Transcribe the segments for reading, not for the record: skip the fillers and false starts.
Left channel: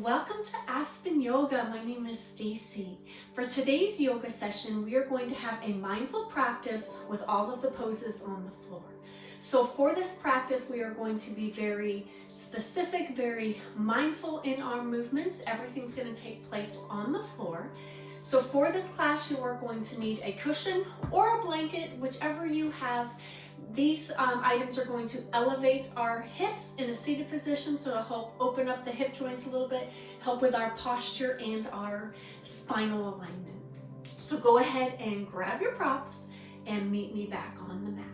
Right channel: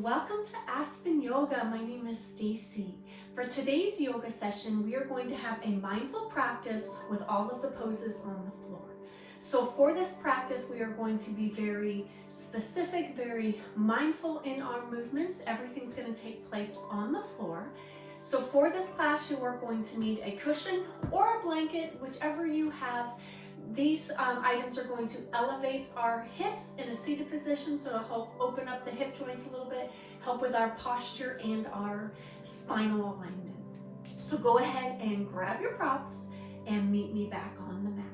Welcome to Aspen Yoga. My name is Stacie. For today's yoga session, we are going to have a mindful practice with all of the poses on the floor. So for this practice, we are going to be very specific, very mindful in our movements. Everything's going to take place on the floor. So for this class, you are going to need a cushion or a blanket, whichever you have. These items are going to elevate our hips in a seated position, so to help open up the hip joints a little bit, help with our posture and our spinal alignment. So go ahead and grab your props and meet me back on the mat.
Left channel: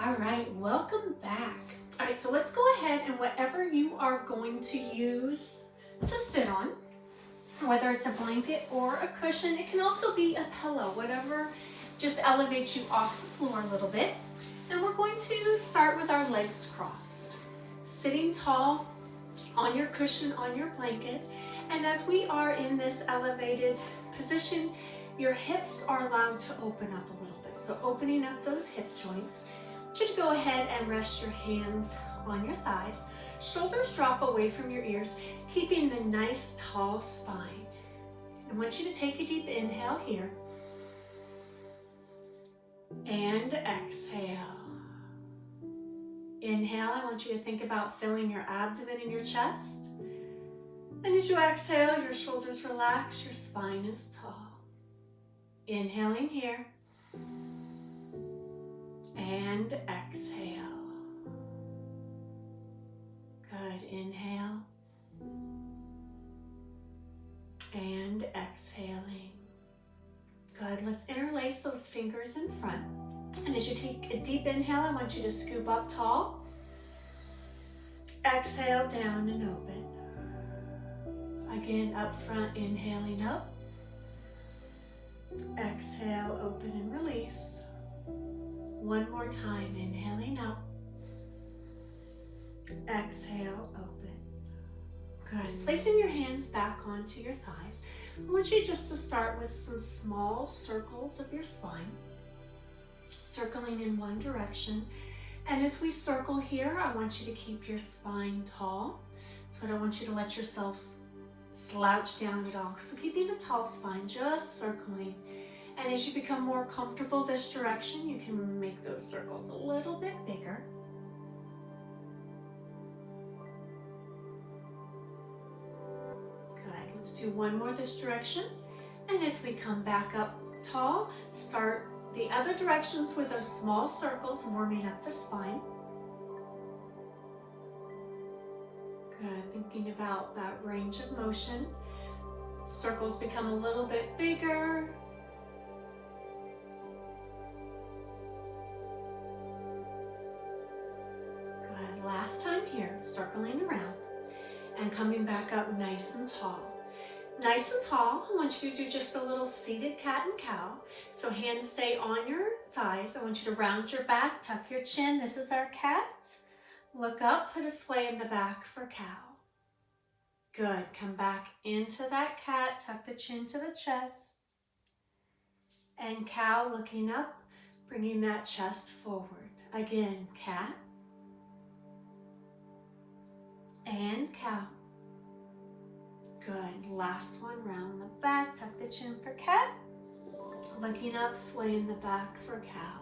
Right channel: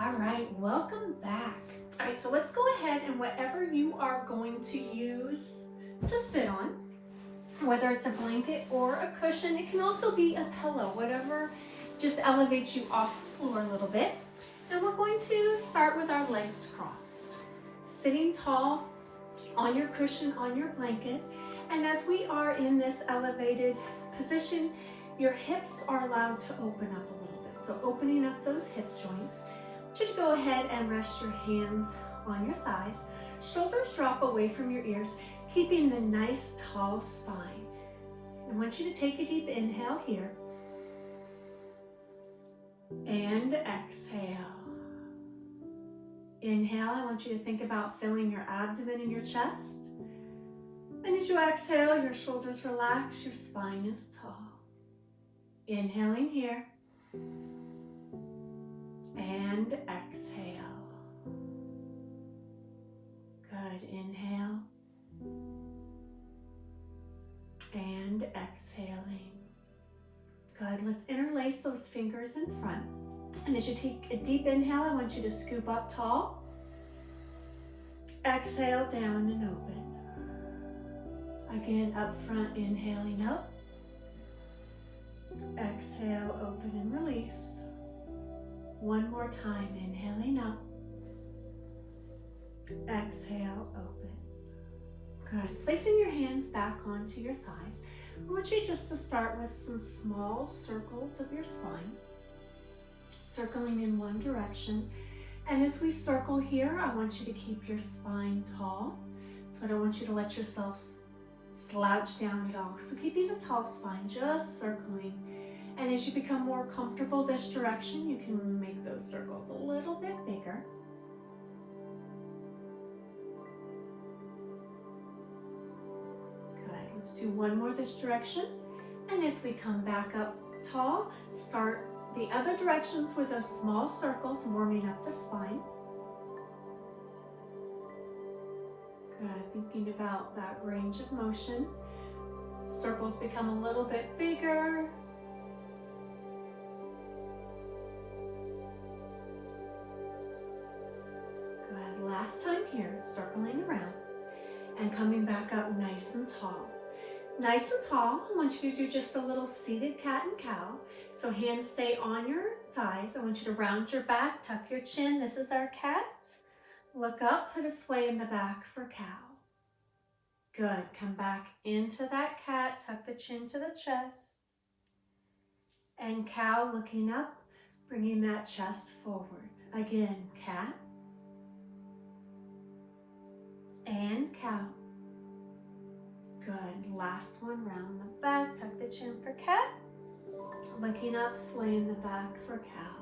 All right, welcome back. All right, so let's go ahead and whatever you are going to use to sit on, whether it's a blanket or a cushion, it can also be a pillow, whatever just elevates you off the floor a little bit. And we're going to start with our legs crossed. Sitting tall on your cushion, on your blanket. And as we are in this elevated position, your hips are allowed to open up a little bit. So opening up those hip joints. I want you to go ahead and rest your hands on your thighs. Shoulders drop away from your ears, keeping the nice tall spine. I want you to take a deep inhale here. And exhale. Inhale, I want you to think about filling your abdomen and your chest. And as you exhale, your shoulders relax, your spine is tall. Inhaling here. And exhale. Good, inhale. And exhaling. Good, let's interlace those fingers in front. And as you take a deep inhale, I want you to scoop up tall. Exhale, down and open. Again, up front, inhaling up. Exhale, open and release. One more time, inhaling up. Exhale, open. Good, placing your hands back onto your thighs. I want you just to start with some small circles of your spine, circling in one direction. And as we circle here, I want you to keep your spine tall. So I don't want you to let yourself slouch down at all. So keeping a tall spine, just circling. And as you become more comfortable this direction, you can make those circles a little bit bigger. Let's do one more this direction. And as we come back up tall, start the other directions with those small circles, warming up the spine. Good, thinking about that range of motion. Circles become a little bit bigger. Good, last time here, circling around and coming back up nice and tall. Nice and tall, I want you to do just a little seated cat and cow. So hands stay on your thighs. I want you to round your back, tuck your chin. This is our cat. Look up, put a sway in the back for cow. Good, come back into that cat, tuck the chin to the chest. And cow, looking up, bringing that chest forward. Again, cat. And cow. Good, last one, round the back, tuck the chin for cat. Looking up, sway in the back for cow.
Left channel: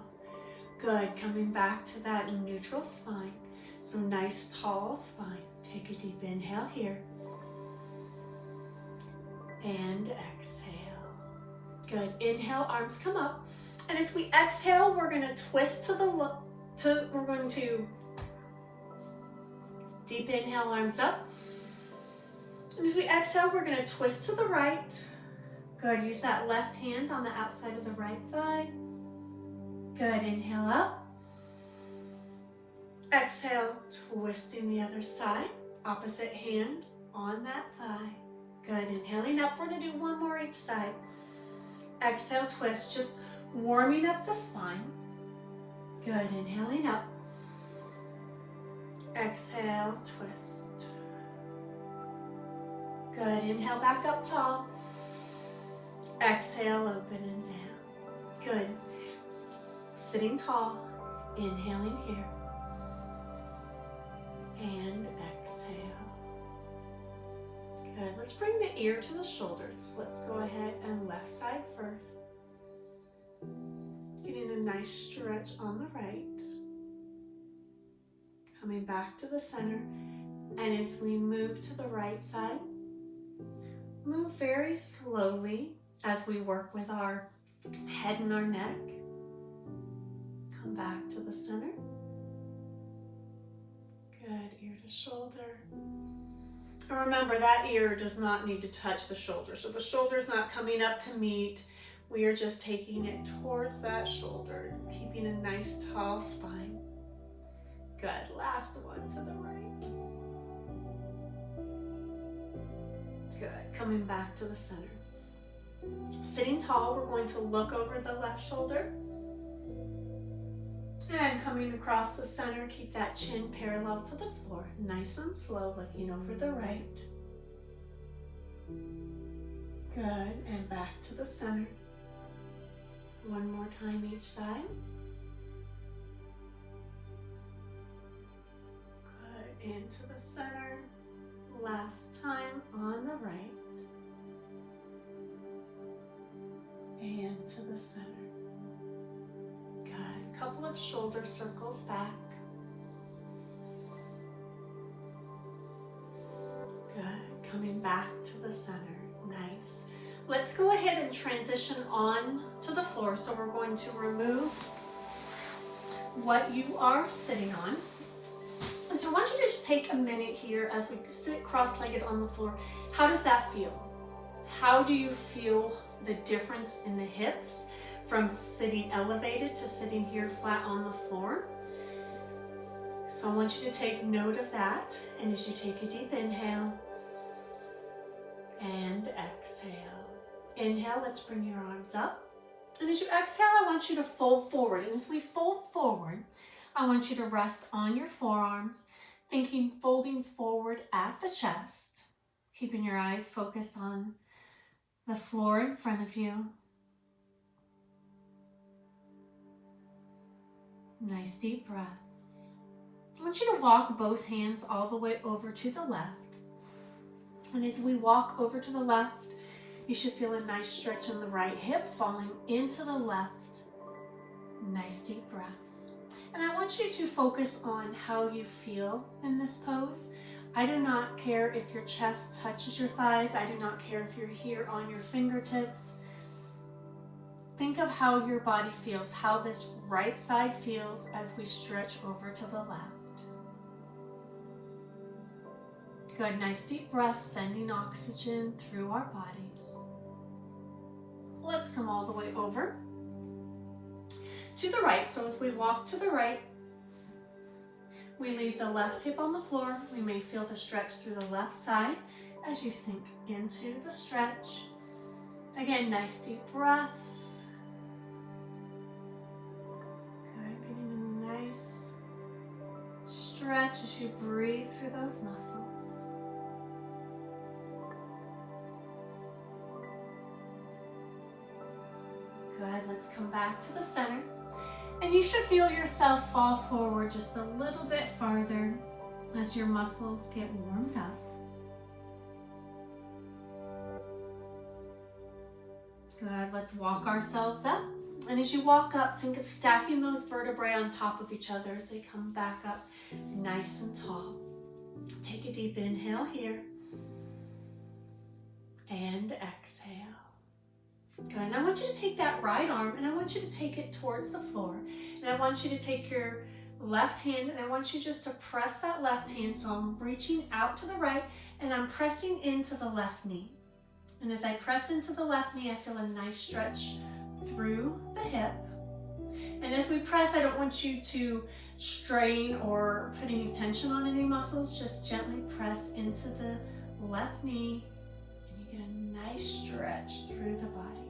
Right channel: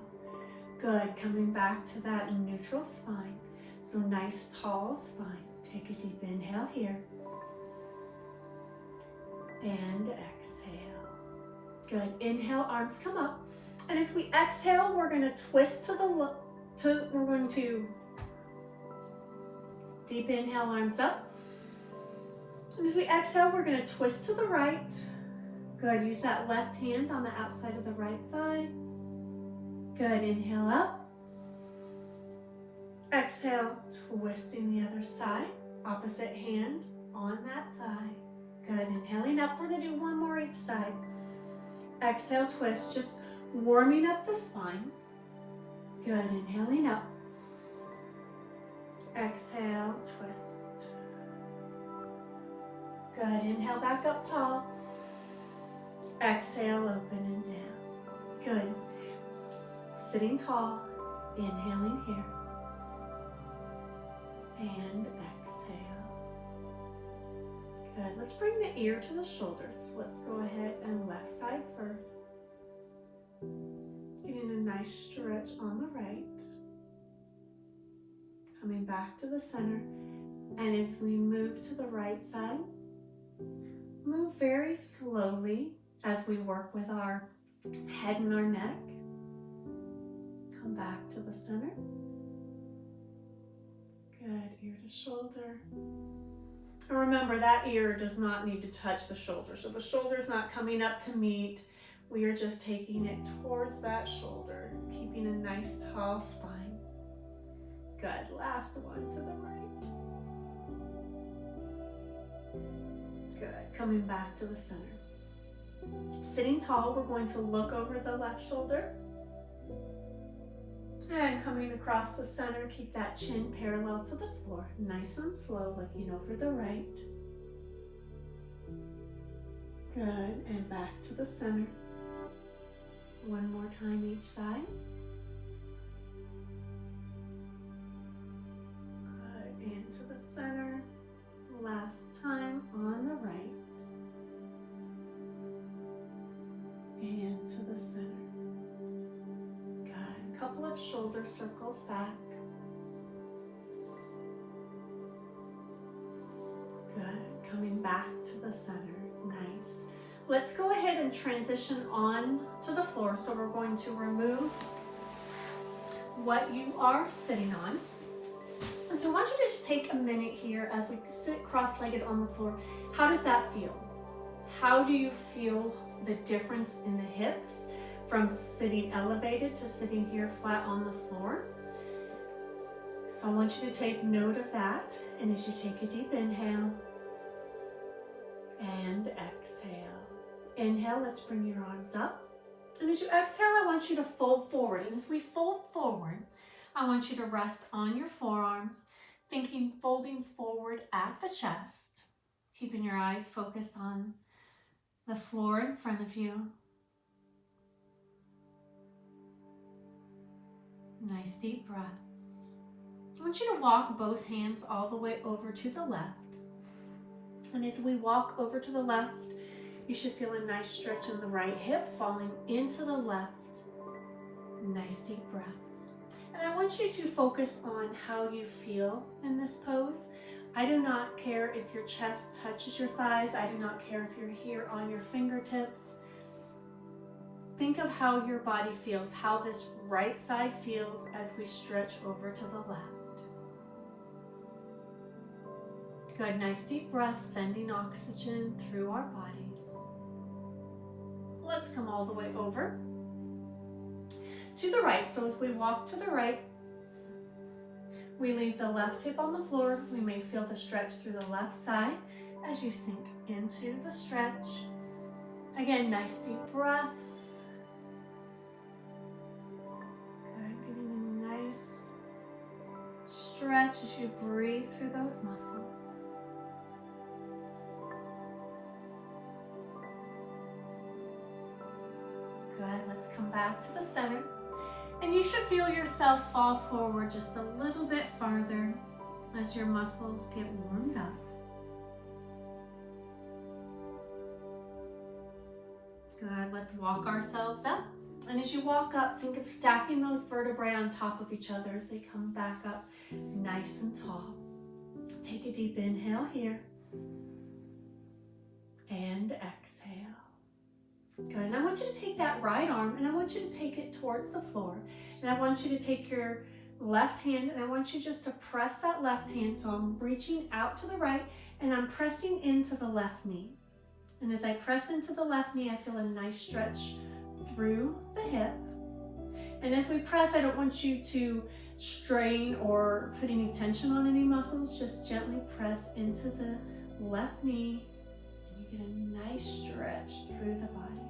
Good, coming back to that neutral spine. So nice tall spine. Take a deep inhale here. And exhale. Good, inhale, arms come up. And as we exhale, we're gonna twist we're going to deep inhale, arms up. And as we exhale, we're going to twist to the right. Good, use that left hand on the outside of the right thigh. Good, inhale up. Exhale, twisting the other side. Opposite hand on that thigh. Good, inhaling up. We're going to do one more each side. Exhale, twist, just warming up the spine. Good, inhaling up. Exhale, twist. Good, inhale back up tall. Exhale, open and down. Good. Sitting tall, inhaling here. And exhale. Good. Let's bring the ear to the shoulders. Let's go ahead and left side first. Getting a nice stretch on the right. Coming back to the center. And as we move to the right side, move very slowly as we work with our head and our neck. Come back to the center. Good, ear to shoulder. And remember, that ear does not need to touch the shoulder. So the shoulder's not coming up to meet. We are just taking it towards that shoulder, keeping a nice tall spine. Good, last one to the right. Good, coming back to the center. Sitting tall, we're going to look over the left shoulder. And coming across the center, keep that chin parallel to the floor. Nice and slow, looking over the right. Good, and back to the center. One more time each side. Good, into the center. Last time on the right. And to the center. Good, a couple of shoulder circles back. Good, coming back to the center, nice. Let's go ahead and transition on to the floor. So we're going to remove what you are sitting on. And so I want you to just take a minute here as we sit cross-legged on the floor. How does that feel? How do you feel the difference in the hips from sitting elevated to sitting here flat on the floor? So I want you to take note of that. And as you take a deep inhale and exhale. Inhale, let's bring your arms up. And as you exhale, I want you to fold forward. And as we fold forward, I want you to rest on your forearms, thinking folding forward at the chest, keeping your eyes focused on the floor in front of you. Nice deep breaths. I want you to walk both hands all the way over to the left. And as we walk over to the left, you should feel a nice stretch in the right hip falling into the left. Nice deep breaths. And I want you to focus on how you feel in this pose. I do not care if your chest touches your thighs. I do not care if you're here on your fingertips. Think of how your body feels, how this right side feels as we stretch over to the left. Good, nice deep breath, sending oxygen through our bodies. Let's come all the way over to the right. So as we walk to the right, we leave the left hip on the floor. We may feel the stretch through the left side as you sink into the stretch. Again, nice deep breaths. Good, getting a nice stretch as you breathe through those muscles. Good, let's come back to the center. And you should feel yourself fall forward just a little bit farther as your muscles get warmed up. Good, let's walk ourselves up. And as you walk up, think of stacking those vertebrae on top of each other as they come back up nice and tall. Take a deep inhale here. And exhale. Good, and I want you to take that right arm and I want you to take it towards the floor. And I want you to take your left hand and I want you just to press that left hand. So I'm reaching out to the right and I'm pressing into the left knee. And as I press into the left knee, I feel a nice stretch through the hip. And as we press, I don't want you to strain or put any tension on any muscles. Just gently press into the left knee. Get a nice stretch through the body.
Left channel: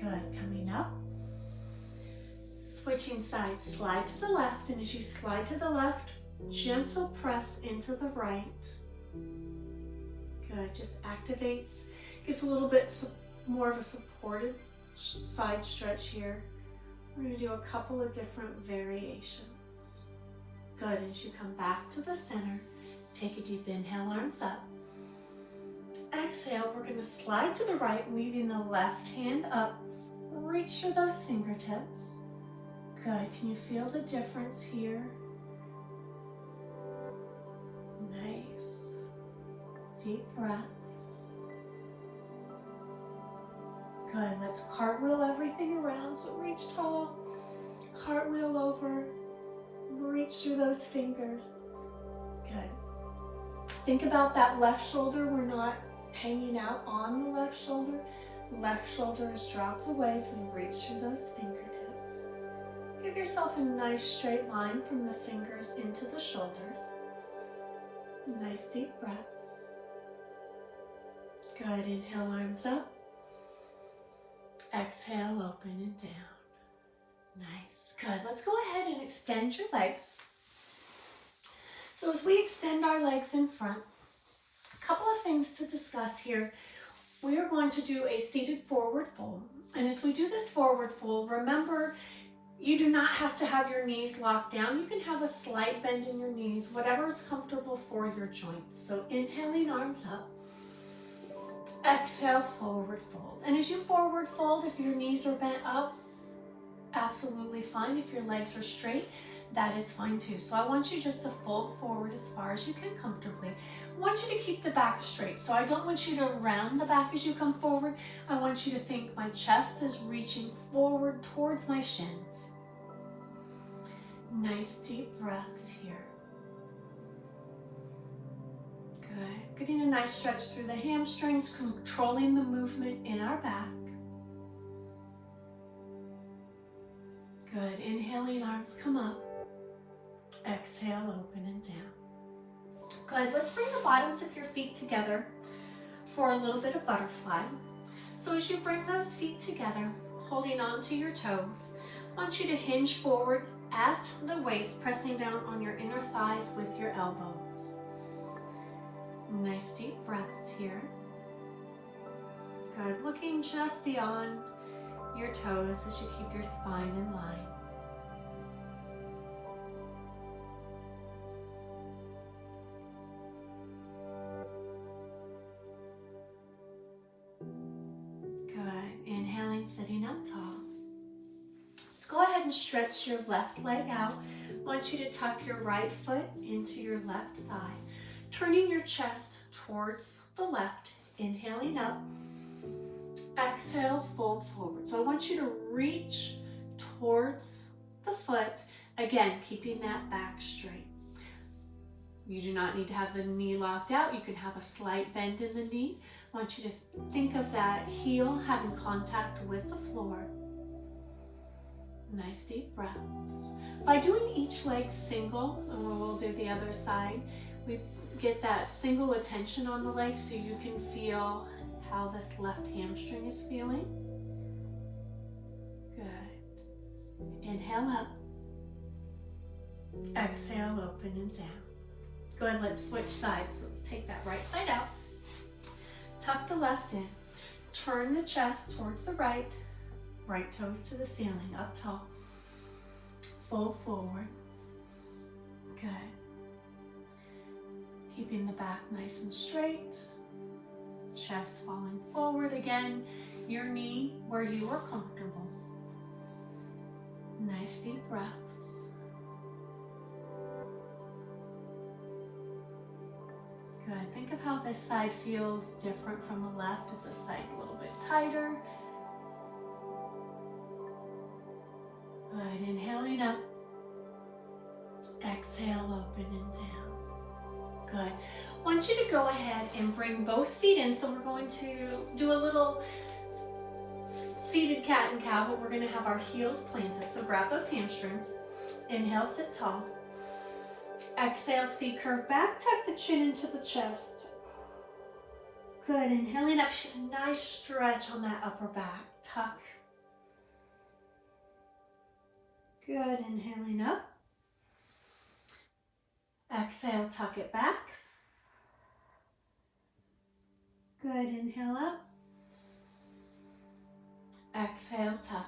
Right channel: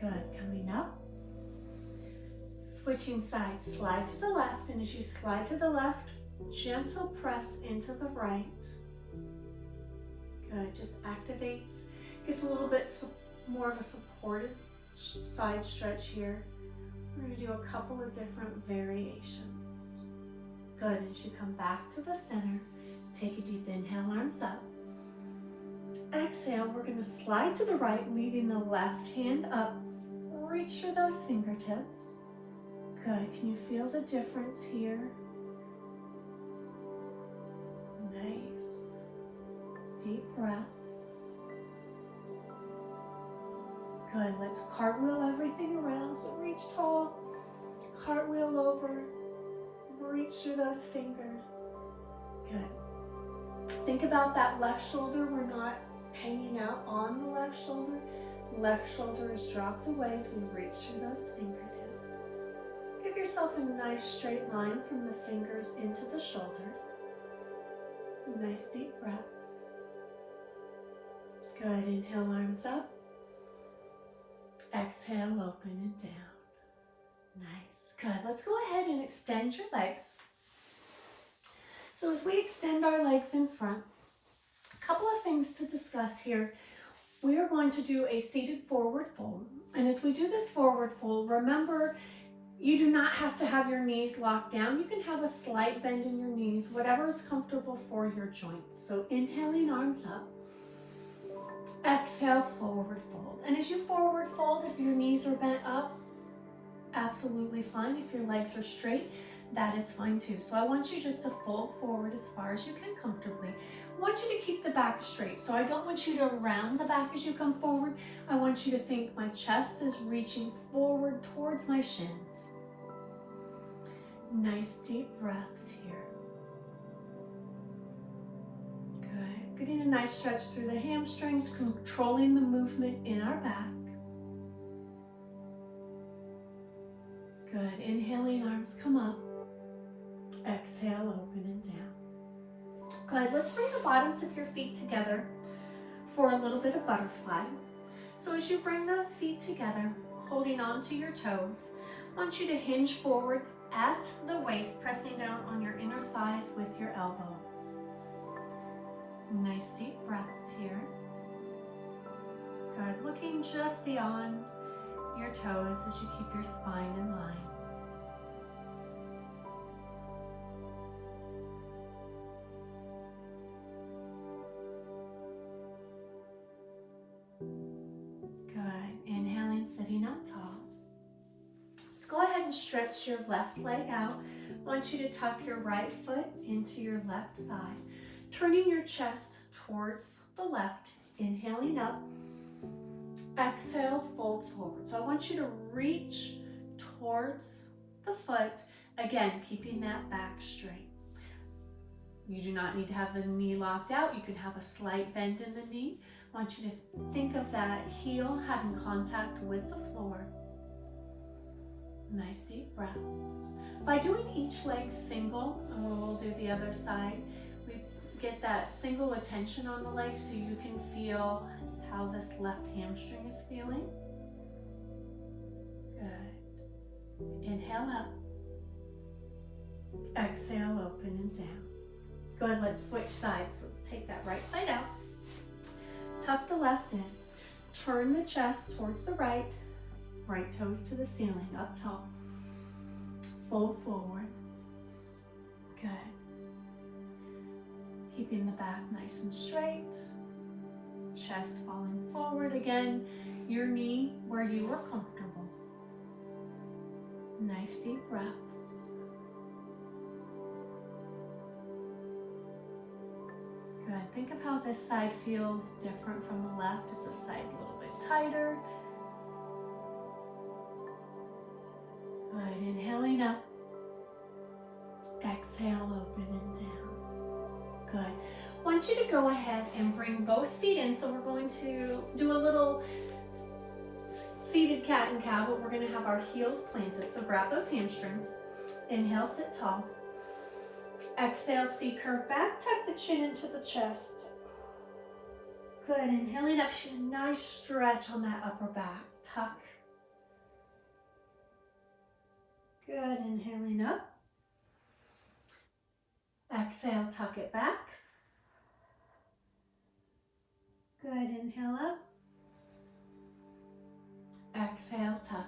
Good, coming up. Switching sides, slide to the left, and as you slide to the left, gentle press into the right. Good, just activates, gives a little bit more of a supported side stretch here. We're going to do a couple of different variations. Good, as you come back to the center, take a deep inhale, arms up. Exhale, we're going to slide to the right, leaving the left hand up. Reach for those fingertips. Good. Can you feel the difference here? Nice. Deep breaths. Good. Let's cartwheel everything around. So reach tall, cartwheel over, reach through those fingers. Good. Think about that left shoulder. We're not hanging out on the left shoulder. Left shoulder is dropped away as we reach through those fingertips. Give yourself a nice straight line from the fingers into the shoulders. Nice deep breaths. Good. Inhale, arms up. Exhale, open and down. Nice. Good. Let's go ahead and extend your legs. So as we extend our legs in front, a couple of things to discuss here. We are going to do a seated forward fold. And as we do this forward fold, remember, you do not have to have your knees locked down. You can have a slight bend in your knees, whatever is comfortable for your joints. So inhaling, arms up. Exhale, forward fold. And as you forward fold, if your knees are bent up, absolutely fine. If your legs are straight, that is fine too. So I want you just to fold forward as far as you can comfortably. I want you to keep the back straight. So I don't want you to round the back as you come forward. I want you to think my chest is reaching forward towards my shins. Nice deep breaths here. Good. Getting a nice stretch through the hamstrings, controlling the movement in our back. Good. Inhaling, arms come up. Exhale, open and down. Good. Let's bring the bottoms of your feet together for a little bit of butterfly. So as you bring those feet together, holding on to your toes, I want you to hinge forward at the waist, pressing down on your inner thighs with your elbows. Nice deep breaths here. Good. Looking just beyond your toes as you keep your spine in line. Good. Inhaling, sitting up tall. Let's go ahead and stretch your left leg out. I want you to tuck your right foot into your left thigh, turning your chest towards the left. Inhaling up. Exhale, fold forward. So I want you to reach towards the foot. Again, keeping that back straight. You do not need to have the knee locked out. You can have a slight bend in the knee. I want you to think of that heel having contact with the floor. Nice deep breaths. By doing each leg single, and we'll do the other side, we get that single attention on the leg so you can feel how this left hamstring is feeling. Good. Inhale up. Exhale, open and down. Good, let's switch sides. So let's take that right side out. Tuck the left in. Turn the chest towards the right. Right toes to the ceiling, up tall. Fold forward. Good. Keeping the back nice and straight. Chest falling forward again. Your knee where you are comfortable. Nice deep breaths. Good. Think of how this side feels different from the left. Is this side a little bit tighter? Good. Inhaling up. Exhale, open and down. Good. I want you to go ahead and bring both feet in. So we're going to do a little seated cat and cow, but we're going to have our heels planted. So grab those hamstrings. Inhale, sit tall. Exhale, C curve back. Tuck the chin into the chest. Good. Inhaling up. Nice stretch on that upper back. Tuck. Good. Inhaling up. Exhale, tuck it back. Good. Inhale up. Exhale, tuck.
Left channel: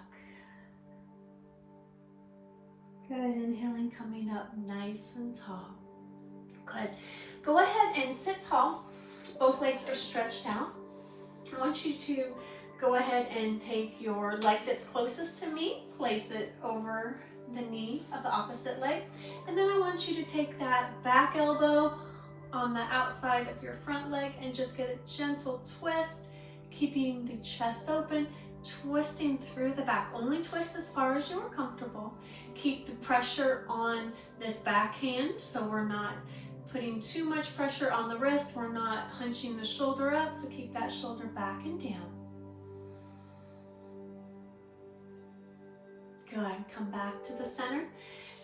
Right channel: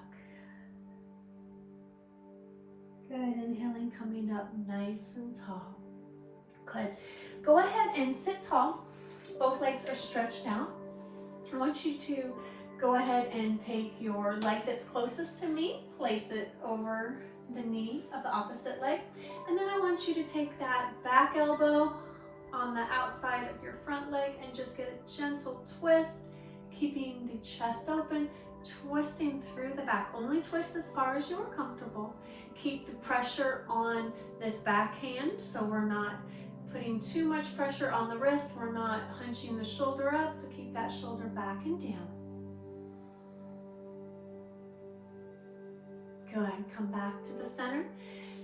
Good. Inhaling, coming up nice and tall. Good. Go ahead and sit tall. Both legs are stretched out. I want you to go ahead and take your leg that's closest to me, place it over the knee of the opposite leg, and then I want you to take that back elbow on the outside of your front leg and just get a gentle twist, keeping the chest open, twisting through the back. Only twist as far as you're comfortable. Keep the pressure on this back hand so we're not putting too much pressure on the wrist. We're not hunching the shoulder up, so keep that shoulder back and down. Good. Come back to the center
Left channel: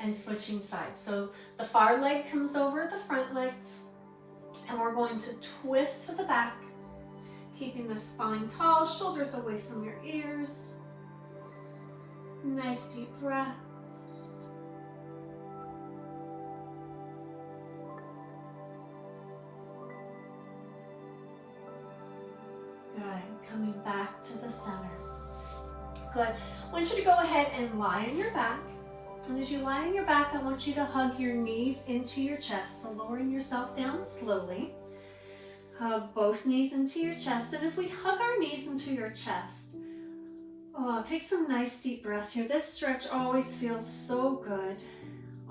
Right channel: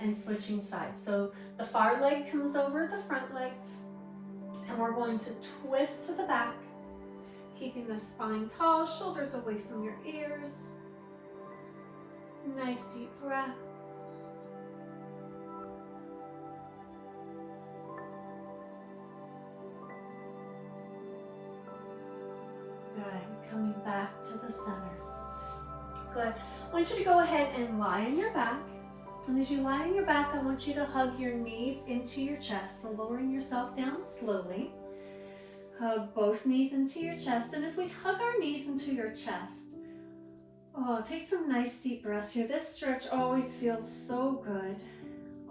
and switching sides. So the far leg comes over the front leg, and we're going to twist to the back, keeping the spine tall, shoulders away from your ears. Nice deep breaths. Good. Coming back to the center. Good. I want you to go ahead and lie on your back. And as you lie on your back, I want you to hug your knees into your chest. So lowering yourself down slowly. Hug both knees into your chest. And as we hug our knees into your chest, take some nice deep breaths here. This stretch always feels so good.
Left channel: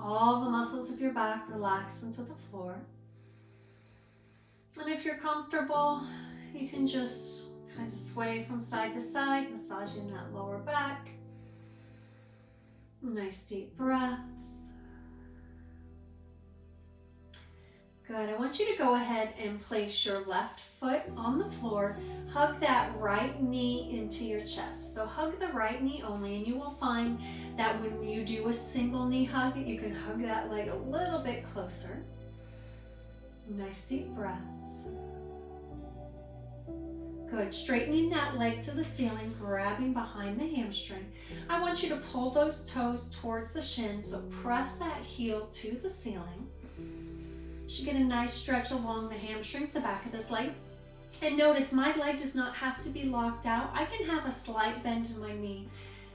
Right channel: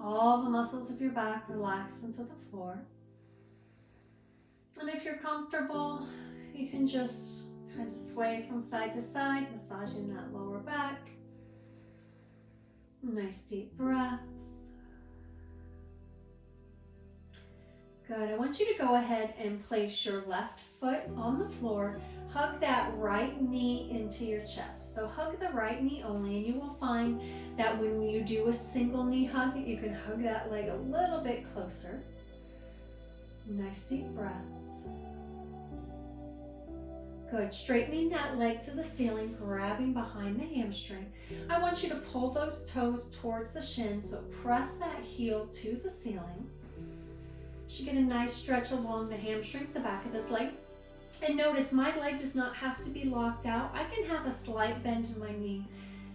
All the muscles of your back relax into the floor. And if you're comfortable, you can just kind of sway from side to side, massaging that lower back. Nice deep breaths. Good. I want you to go ahead and place your left foot on the floor. Hug that right knee into your chest. So hug the right knee only, and you will find that when you do a single knee hug, that you can hug that leg a little bit closer. Nice deep breaths. Good. Straightening that leg to the ceiling, grabbing behind the hamstring. I want you to pull those toes towards the shin, so press that heel to the ceiling. You should get a nice stretch along the hamstrings, the back of this leg. And notice my leg does not have to be locked out. I can have a slight bend in my knee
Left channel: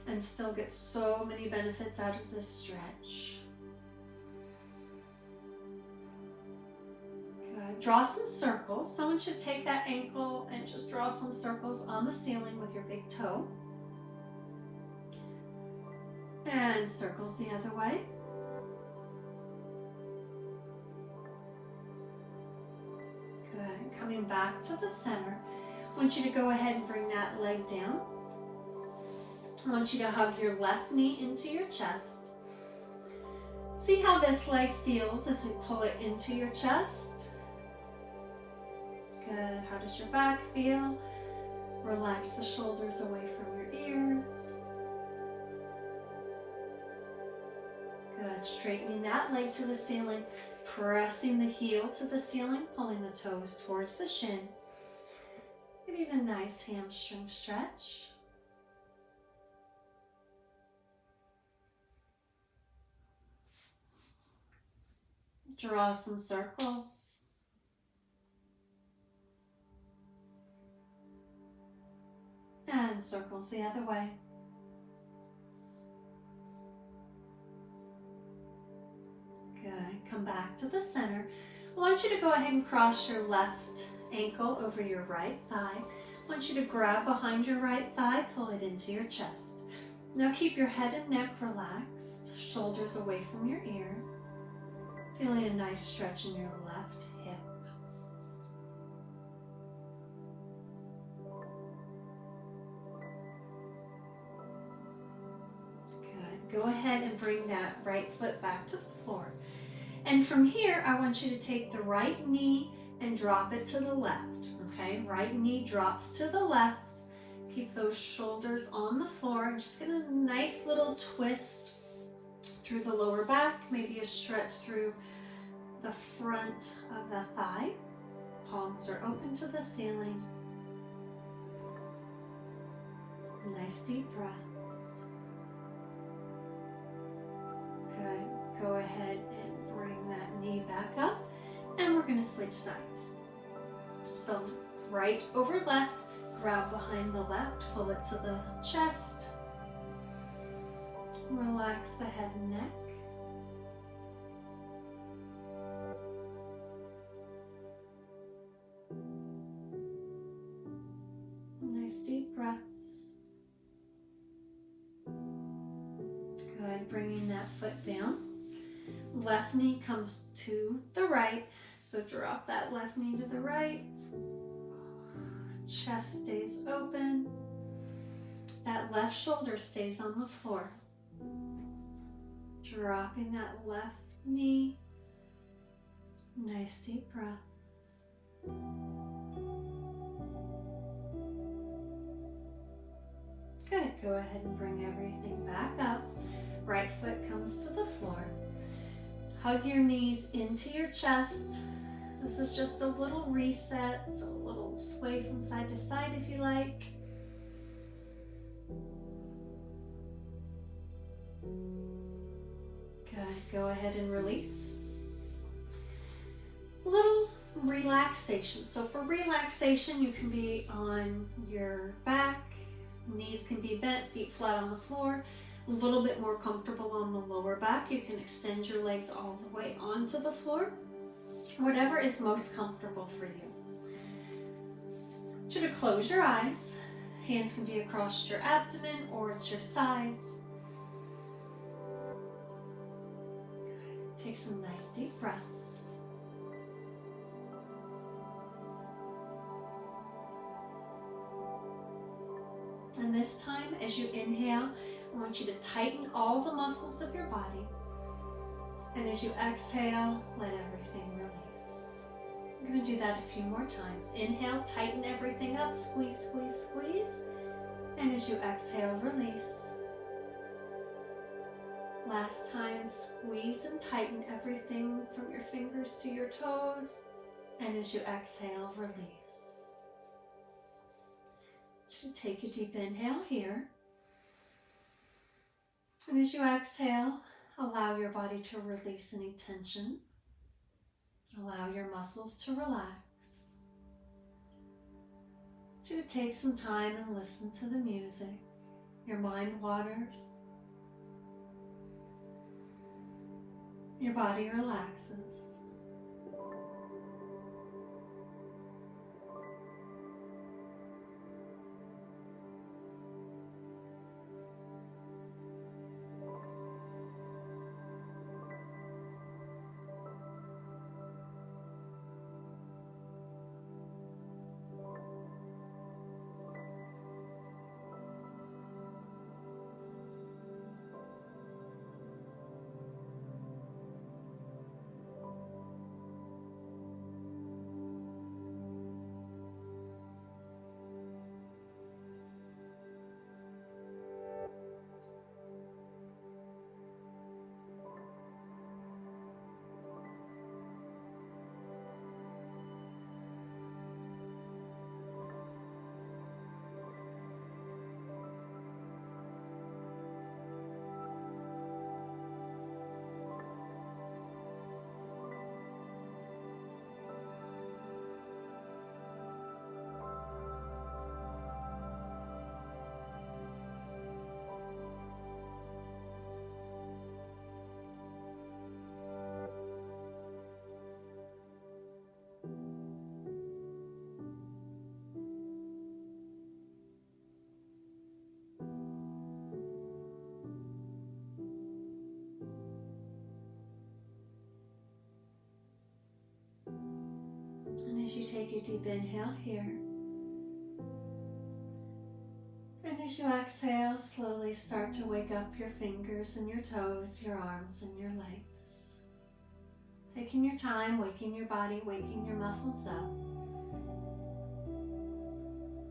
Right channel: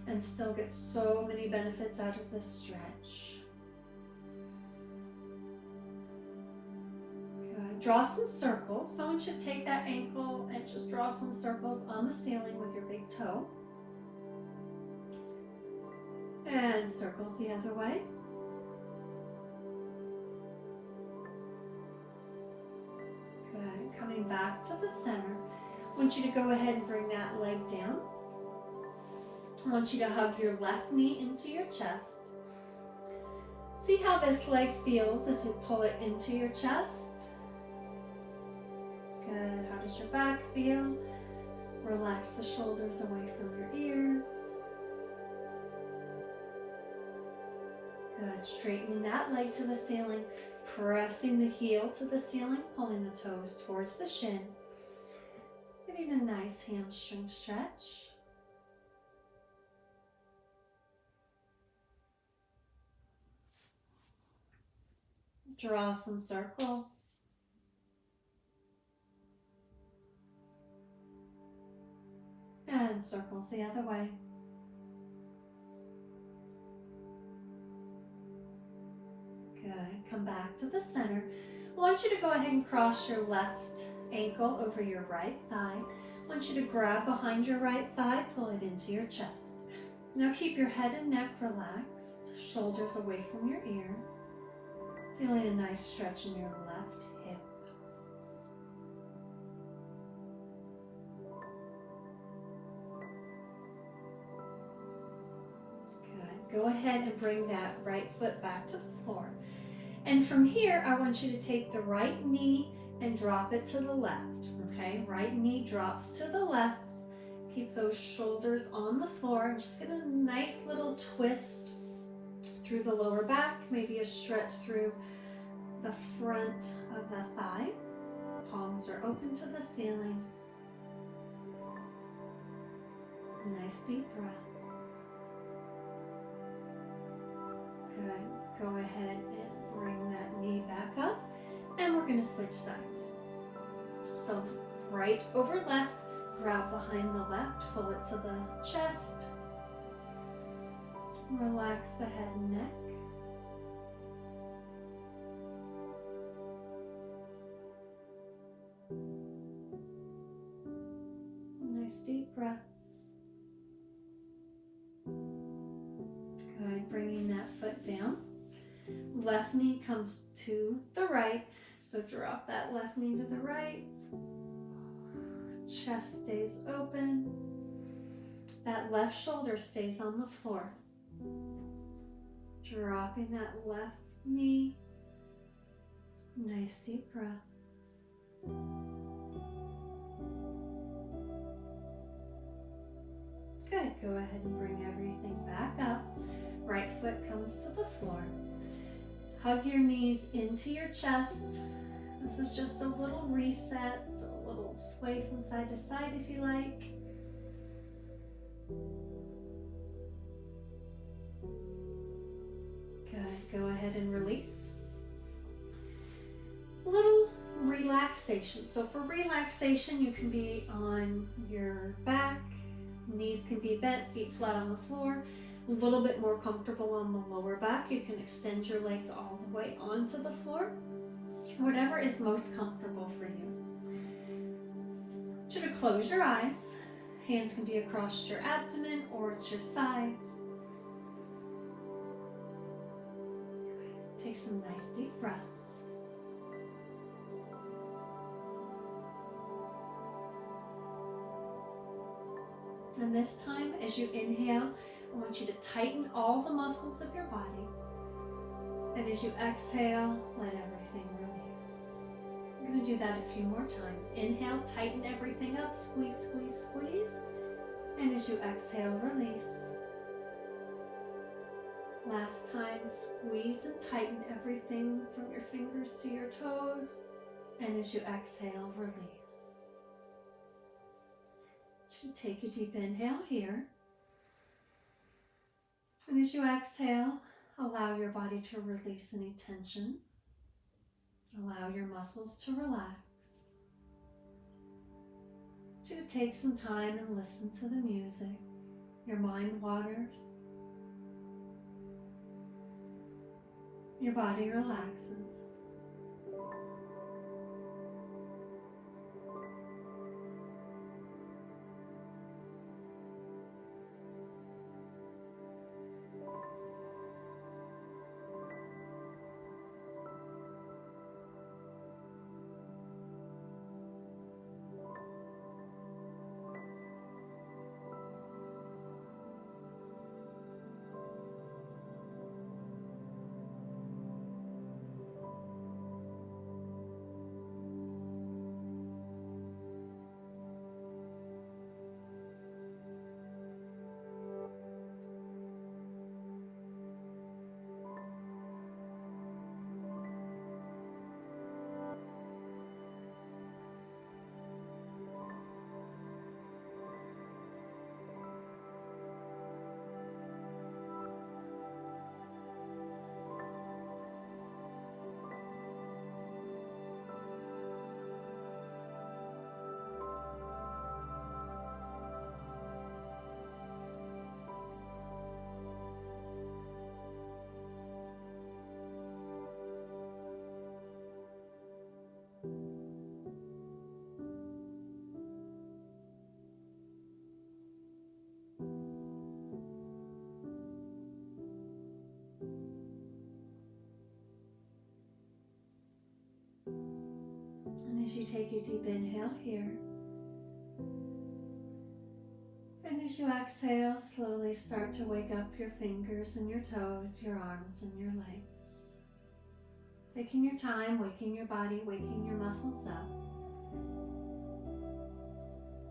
and still get so many benefits out of this stretch. Draw some circles. So I want you to take that ankle and just draw some circles on the ceiling with your big toe. And circles the other way. Good. Coming back to the center. I want you to go ahead and bring that leg down. I want you to hug your left knee into your chest. See how this leg feels as you pull it into your chest. Good. How does your back feel? Relax the shoulders away from your ears. Good. Straightening that leg to the ceiling, pressing the heel to the ceiling, pulling the toes towards the shin. Getting a nice hamstring stretch. Draw some circles. And circles the other way. Good. Come back to the center. I want you to go ahead and cross your left ankle over your right thigh. I want you to grab behind your right thigh, pull it into your chest. Now keep your head and neck relaxed, shoulders away from your ears. Feeling a nice stretch in your left hip. Good. Go ahead and bring that right foot back to the floor. And from here, I want you to take the right knee and drop it to the left. Okay, right knee drops to the left. Keep those shoulders on the floor and just get a nice little twist through the lower back, maybe a stretch through the front of the thigh. Palms are open to the ceiling. Nice deep breaths. Good. Go ahead and bring that knee back up, and we're going to switch sides. So right over left, grab behind the left, pull it to the chest. Relax the head and neck. Nice deep breaths. Good, bringing that foot down. Left knee comes to the right, so drop that left knee to the right. Chest stays open. That left shoulder stays on the floor. Dropping that left knee. Nice deep breaths. Good, go ahead and bring everything back up. Right foot comes to the floor. Hug your knees into your chest. This is just a little reset, so a little sway from side to side if you like. Good, go ahead and release. A little relaxation. So for relaxation, you can be on your back, knees can be bent, feet flat on the floor. A little bit more comfortable on the lower back, you can extend your legs all the way onto the floor. Whatever is most comfortable for you. I want you to close your eyes. Hands can be across your abdomen or at your sides. Take some nice deep breaths. And this time, as you inhale, I want you to tighten all the muscles of your body. And as you exhale, let everything release. We're going to do that a few more times. Inhale, tighten everything up, squeeze, squeeze, squeeze. And as you exhale, release. Last time, squeeze and tighten everything from your fingers to your toes. And as you exhale, release. You take a deep inhale here. And as you exhale, allow your body to release any tension. Allow your muscles to relax. You take some time and listen to the music. Your mind wanders. Your body relaxes. And as you take a deep inhale here, and as you exhale, slowly start to wake up your fingers and your toes, your arms and your legs. Taking your time, waking your body, waking your muscles up.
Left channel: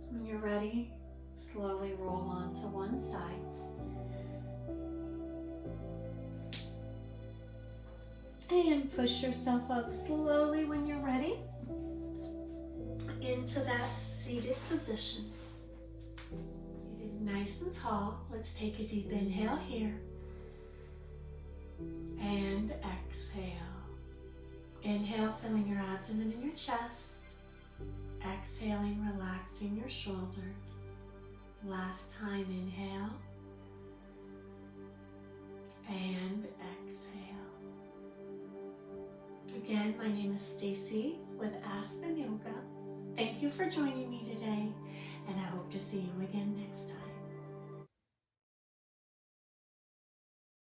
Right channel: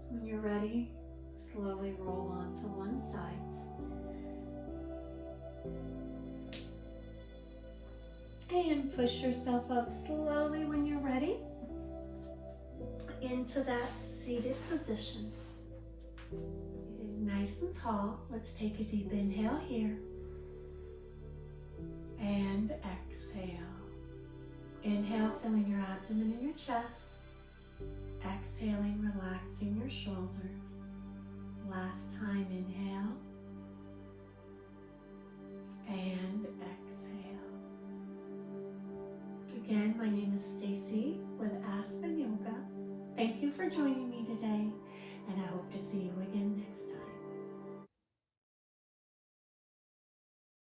When you're ready, slowly roll onto one side. And push yourself up slowly when you're ready into that seated position. Nice and tall. Let's take a deep inhale here. And exhale. Inhale, filling your abdomen and your chest. Exhaling, relaxing your shoulders. Last time, inhale. And exhale. Again, my name is Stacie with Aspen Yoga. Thank you for joining me today. and I hope to see you again next